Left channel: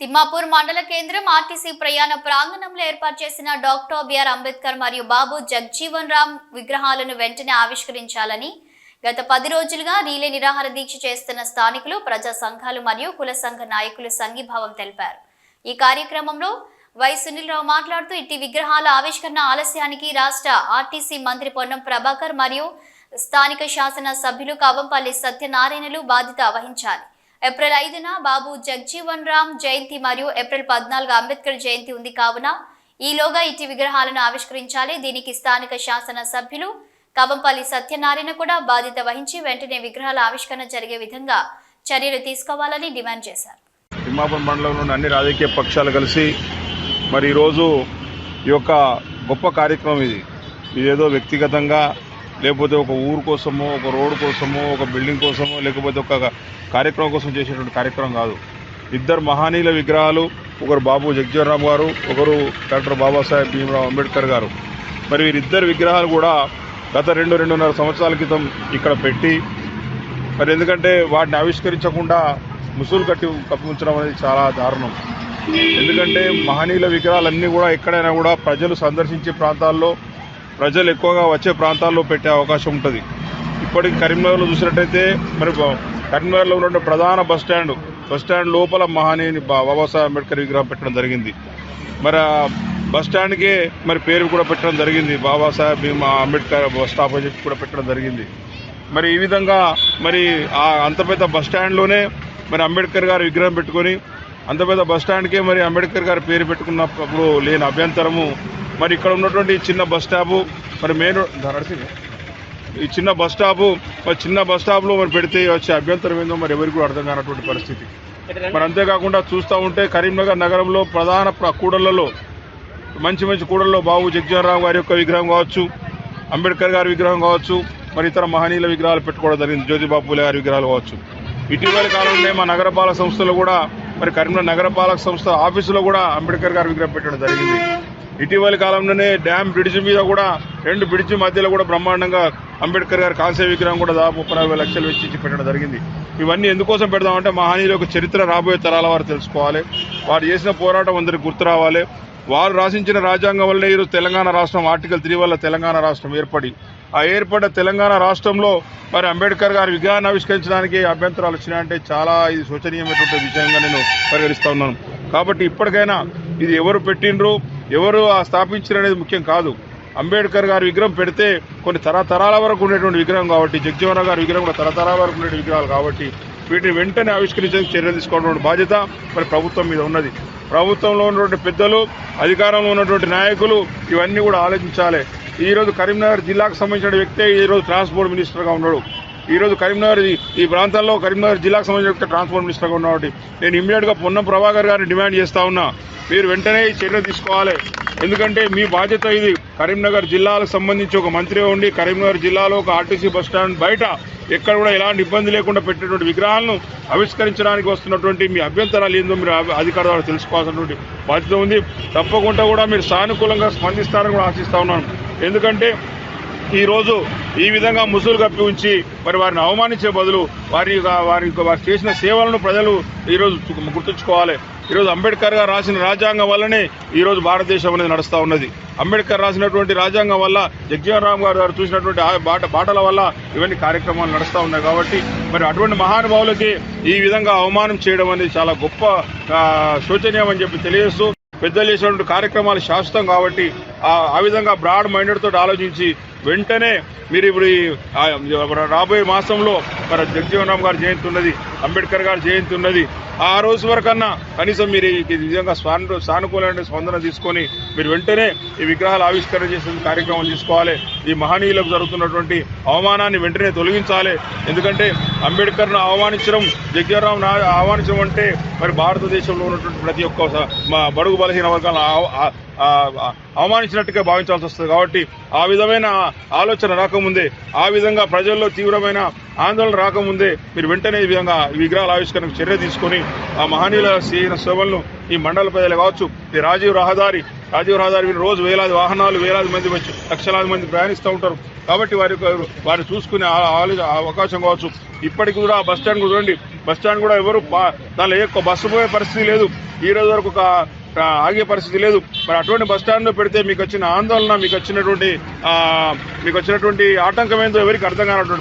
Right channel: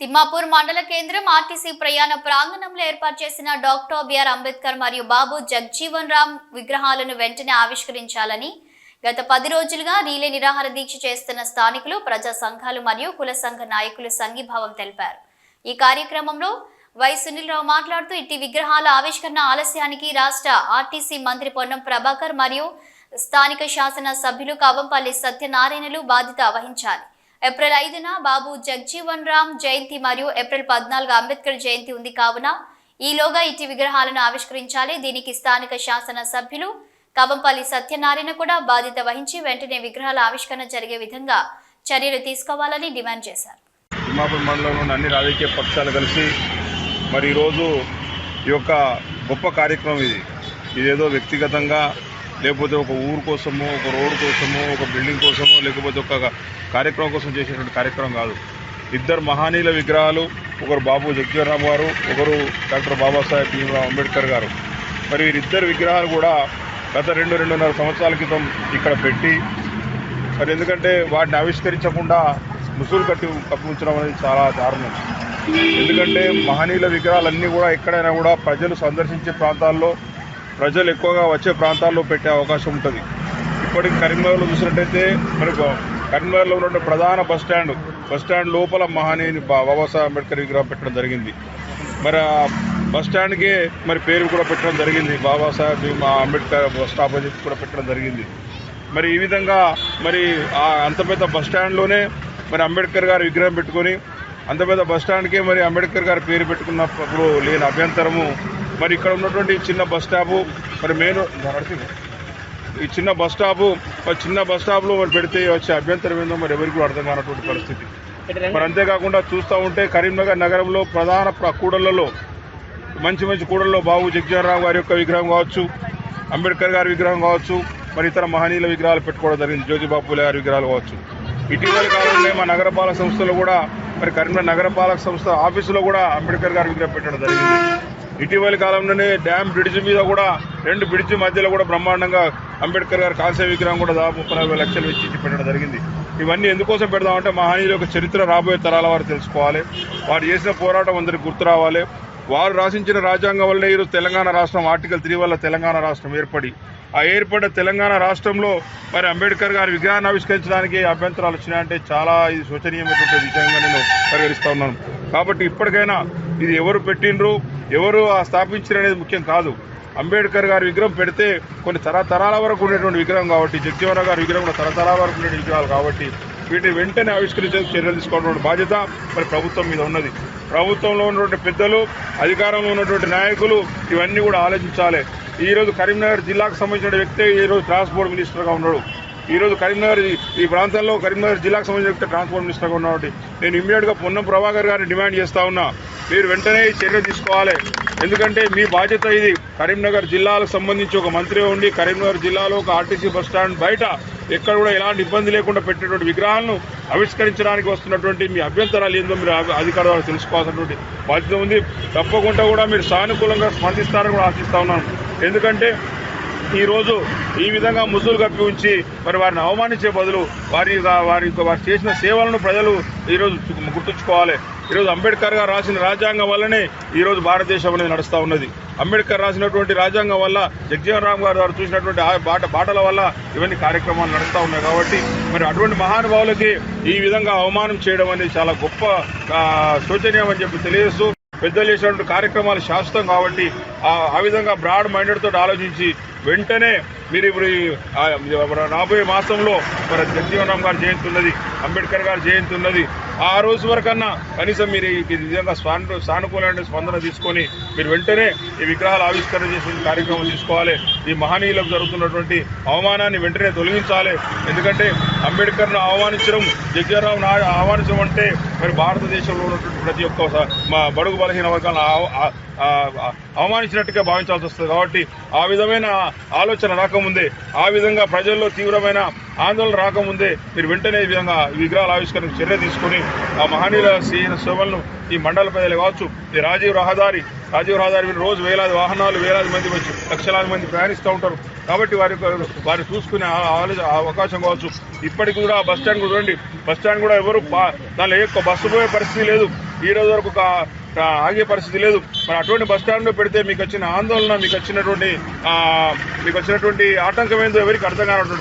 తిమ్మాపూర్ మండల కేంద్రం ఆర్టీసీ ప్రయాణ ప్రాంగణంలో ఏర్పాటు చేసిన డాక్టర్ బిఆర్ అంబేద్కర్ మరియు బాబు జగజీవన్ రామ్ విగ్రహాలను వెంటనే ఆవిష్కరించాలని గత 10 రోజులుగా రీలే నిరాహార దీక్ష చేస్తున్న స్థానికులు, ప్రజా సంఘాలు మరియు కుల సంఘ నాయకులు సంఘీభావం తెలిపారు. ఈ కార్యక్రమంలో వై సునీల్ రావు మాట్లాడుతూ ఇట్టి విగ్రహాల ఆవిష్కరణ ఆలస్యానికి రాష్ట్ర ఆర్టీసీ మంత్రి పొన్నం ప్రభాకర్ మరియు స్థానిక శాసన సభ్యులు కవంపల్లి సత్యనారాయణలు బాధ్యత వహించాలి. ఏప్రిల్ 5న బాబు జగజీవన్ రామ్ జయంతి మరియు ఏప్రిల్ 14 అంబేద్కర్ జయంతి ఉంది కావున ఈలోగా ఇట్టి విగ్రహాలను ఆవిష్కరించాలి. దీనికి స్థానిక శాసన సభ్యులు కవంపల్లి సత్యనారాయణ కూడా బాధ్యత వహించి వెంటనే విగ్రహాల ఆవిష్కరణ జరిగే విధంగా చర్యలు తీసుకోవాలని డిమాండ్ చేశారు. తిమ్మాపూర్ మండలంలోని అన్ని రాజకీయ పక్షాలు కలిసి మరి ఈరోజు ఈ యొక్క గొప్ప కార్యక్రమం ఇదేదో వ్యక్తిగతంగా లేకపోతే ఒక ఊరు కోసమో, ఒక రోడ్డు కోసమో, ఒక బిల్డింగ్ కోసమో, లేకపోతే ఒక కార్యక్రమం కోసం చేసేటువంటి కార్యక్రమం కాదు. ఇద్దరు మహనీయుల విగ్రహాలు, ఒకరు బాబు జగజీవన్ రామ్ గారు, ఒకరు డాక్టర్ బాబాసాహెబ్ భీమ్రావ్ అంబేద్కర్ గారు. మరి వీరిద్దరు విగ్రహాలు కూడా గత 2-2.5 సంవత్సరాల క్రితం ఇక్కడ పెట్టి మరి ఎందుకంటే వాటిని ఆవిష్కరించకుండా ముసుగులు కప్పి ఉంచడం అనేది చాలా దారుణం. ఎందుకంటే మహనీయుల విగ్రహాలన్నీ కూడా ఎక్కడైనా కూడా ప్రజలు సందర్శించే ప్రాంతాల్లో, ప్రజలు ఎక్కువగా వచ్చే ప్రాంతాల్లో పెట్టే అవకాశం ఉంటుంది. ఇప్పటికి కరీంనగర్లో చూసినట్టయితే మరి కరీంనగర్లో ఉన్న ప్రధాన బస్ స్టాండ్ లోపల మహనీయుని బాబాసాహెబ్ అంబేద్కర్ విగ్రహం పెట్టడం జరిగింది. మరి బస్ స్టాండ్కే మరి పేరు కూడా పెట్టడం జరిగింది, బాబాసాహెబ్ అంబేద్కర్ బస్ స్టాప్ అని చెప్పి కూడా పెట్టడం జరిగింది. మరి ఈ విధంగా మరి అంత పెద్ద బస్ స్టాండ్లోనే మరి అంబేద్కర్ గారు విగ్రహం పెట్టుకొని అంత పెద్ద బస్ స్టాండ్కే మరి అంబేద్కర్ గారి పేరు పెట్టుకున్నప్పుడు లేని అభ్యంతరము మరి ఇక్కడ ఉన్నటువంటి చిన్న బస్ స్టాపు మరి ఈ చిన్న బస్ స్టాప్లో మరి పెడితే వచ్చే అభ్యంతరం ఏందో మరి ఎవరికి కూడా అర్థం కానటువంటి పరిస్థితి. మరి అంతేకాకుండా చూస్తూ ఉంటే కరీంనగర్ నగరంలో ప్రధాన కూడళ్లలో మంచి కూడల్లో బాబు జగజీవన్ రామ్ గారి యొక్క విగ్రహం కావచ్చు, అంబేద్కర్ గారి విగ్రహం కావచ్చు, మరి ఇతర మహనీయుల విగ్రహాలు పెట్టుకోవడం జరిగింది, జ్యోతిబాపు పూలే గారి విగ్రహాలు కావచ్చు. ఇటీవల కాలంలో మా నగరపాలక సంస్థలో కూడా మరి కరీంనగర్ నగరపాలక సంస్థ ఆఫీసులో కూడా అంబేద్కర్ గారి విగ్రహం పెట్టడం జరిగింది. ఇటీవలి కాలంలోనే డ్యామ్ బ్రిడ్జి మీద కూడా 2 బ్రిడ్జి మధ్యలో కూడా బ్రహ్మాండంగా అంబేద్కర్ గారి కాల్సే విగ్రహం కూడా దాదాపు 30-40 లక్షలు వెచ్చించి పెట్టడం జరిగింది. ఇవన్నీ ఎందుకోసం పెడదామంటే మహనీయుల యొక్క చరిత్ర రాబోయే తరాల వారు తెలుసుకోవాలి, వారు చేసిన పోరాటం అందరికి గుర్తు రావాలి. వారు రాసించిన రాజ్యాంగం వల్లే ఈరోజు తెలంగాణ రాష్ట్రం ఆర్టికల్ 3 వల్ల తెలంగాణ రాష్ట్రం ఏర్పడ్డ తెలంగాణ రాష్ట్రంలో మరి అంబేద్కర్ గారి విగ్రహాన్ని ఆవిష్కరించడానికి అభ్యంతరాలు వచ్చినాయంటే చాలా ఇది శోచనీయమైనటువంటి విషయంగా నేను పరిగణిస్తూ ఉన్నాను. కాబట్టి ఇప్పటికైనా ఇది ఎవరు పెట్టినరు, ఎవరు స్థాపించారు అనేది ముఖ్యం కాదు. అంబేద్కర్ గారి విగ్రహం పెడితే కొన్ని తరతరాల వరకు ఉండేటువంటి విగ్రహం కాబట్టి, జగజీవన్ రామ్ గారి విగ్రహం కూడా తరతరాల వరకు ఉండే విగ్రహాలు కాబట్టి వీటిని వెంటనే ఆవిష్కరించేందుకు చర్యలు తీసుకోవడం బాధ్యత మరి ప్రభుత్వం మీద ఉన్నది. ప్రభుత్వంలో ఉన్నటువంటి పెద్దలు, అధికారంలో ఉన్నటువంటి నాయకులు ఇవన్నీ కూడా ఆలోచించాలి. ఈరోజు కరీంనగర్ జిల్లాకు సంబంధించిన వ్యక్తే ఈరోజు ట్రాన్స్పోర్ట్ మినిస్టర్గా ఉన్నాడు. ఈరోజు కరీంనగర్ ఈ ప్రాంతాల్లో కరీంనగర్ జిల్లాకు సంబంధించిన వ్యక్తి ట్రాన్స్పోర్ట్ మినిస్టర్గా ఉన్నాడు. నేను ఇమ్మీడియట్గా పొన్నం ప్రభాకర్ గారిని డిమాండ్ చేస్తా ఉన్నా, మీరు వెంటనే చర్య తీసుకోవాలి. ఎందుకంటే మీ బాధ్యత ఇది. కరీంనగర్ జిల్లాలకు సంబంధించి ఒక మంత్రి ఉండి కరీంనగర్ జిల్లాలో ఒక ఆర్టీసీ బస్ స్టాండ్ బయట ఎక్కడ కూడా ఎలాంటి ఇబ్బంది లేకుండా పెట్టినటువంటి విగ్రహాలను ఆవిష్కరించడానికి వస్తున్నటువంటి మీ అభ్యంతరాలు ఏందో మీరు అధికారులు తెలుసుకోవాల్సినటువంటి బాధ్యత ఉంది. తప్పకుండా కూడా మీరు సానుకూలంగా స్పందిస్తారని కూడా ఆశిస్తా ఉన్నాను. ఎందుకంటే ఈరోజు ఈ విధంగా ముసుగులు కప్పి ఉంచి మరి వారిని అవమానించే బదులు వారు చేసిన సేవలను ప్రజలు ఈరోజు గుర్తుంచుకోవాలి. ఈరోజు అంబేద్కర్ గారు రాసిన రాజ్యాంగం వల్లనే ఈరోజు భారతదేశం అనేది నడుస్తూ ఉన్నది. అంబేద్కర్ రాసినటువంటి రాజ్యాంగం వల్ల, జగజీవన్ రామ్ గారు చూసినటువంటి బాటల వల్ల ఇవన్నీ కార్యక్రమాలు నడుస్తూ ఉన్నాయి. కాబట్టి మరి అటువంటి మహానుభావులకి ఈ విధంగా అవమానం చేయడం అనేది చాలా గొప్ప శోచనీయం అని చెప్పి తెలియజేస్తూ, పెద్దలు చేసినటువంటి కార్యక్రమాలు శాశ్వతం కాబట్టి ఆ విధంగా బ్రాడ్ మైండెడ్ తోటి ఆలోచించి వెంటనే మీరు ఇప్పుడు రాబోయే మాసంలో మరి జగజీవన్ రామ్ గారి జయంతి ఉన్నది, అంబేద్కర్ గారి జయంతి ఉన్నది. ఆ రోజు వరకన్నా కనీసం మీరు ఈ విధంగా సానుకూలమైన స్పందన తీసుకొని మీరు వెంటనే ఈ విగ్రహాలు ఆవిష్కరణ చేసే కార్యక్రమం తీసుకోవాలి. ఈ మహనీయులకు జరుగుతున్నటువంటి అవమానాన్ని వెంటనే తొలగించాలి. ఎందుకంటే అంబేద్కర్ను అవమానించడం, జగజీవన్ రామ్ను అవమానించడం అంటే మరి భారతదేశంలో ఉన్నటువంటి ప్రతి ఒక్క మా బడుగు బలహీన వర్గాలను అవమానించినట్టుగా భావించాల్సి వస్తుంది. కాబట్టి ఆ విధమైన ఆలోచన రాకముందే, ఆ విధంగా ప్రజల్లో తీవ్రమైన ఆందోళన రాకముందే మీరు వెంటనే ఈ విధంగా విగ్రహాల ఆవిష్కరణకు చర్య తీసుకొని ఆ మహనీయుల చేసిన సేవలను ఈ మండల ప్రజలు కావచ్చు, ఈ రాజీవ్ రహదారి రోజు వేలాది వాహనాలు, వేలాది మంది వచ్చి లక్షలాది మంది ప్రయాణిస్తూ ఉంటారు. కాబట్టి వారిని చూసుకునే అవకాశం కావచ్చు. ఇప్పటికి కూడా బస్ స్టాండ్ కూడా చూడండి, బస్ స్టాండ్ కూడా ఎవరు దానిలో ఎక్కువ బస్సు పోయే పరిస్థితి లేదు. ఈ రోజు వరకు ఆగే పరిస్థితి లేదు. మరి అటువంటి బస్ స్టాండ్లో పెడితే మీకు వచ్చిన ఆందోళన, మీకు వచ్చినటువంటి ఆటంకం ఏందో ఎవరికి అర్థం కానటువంటి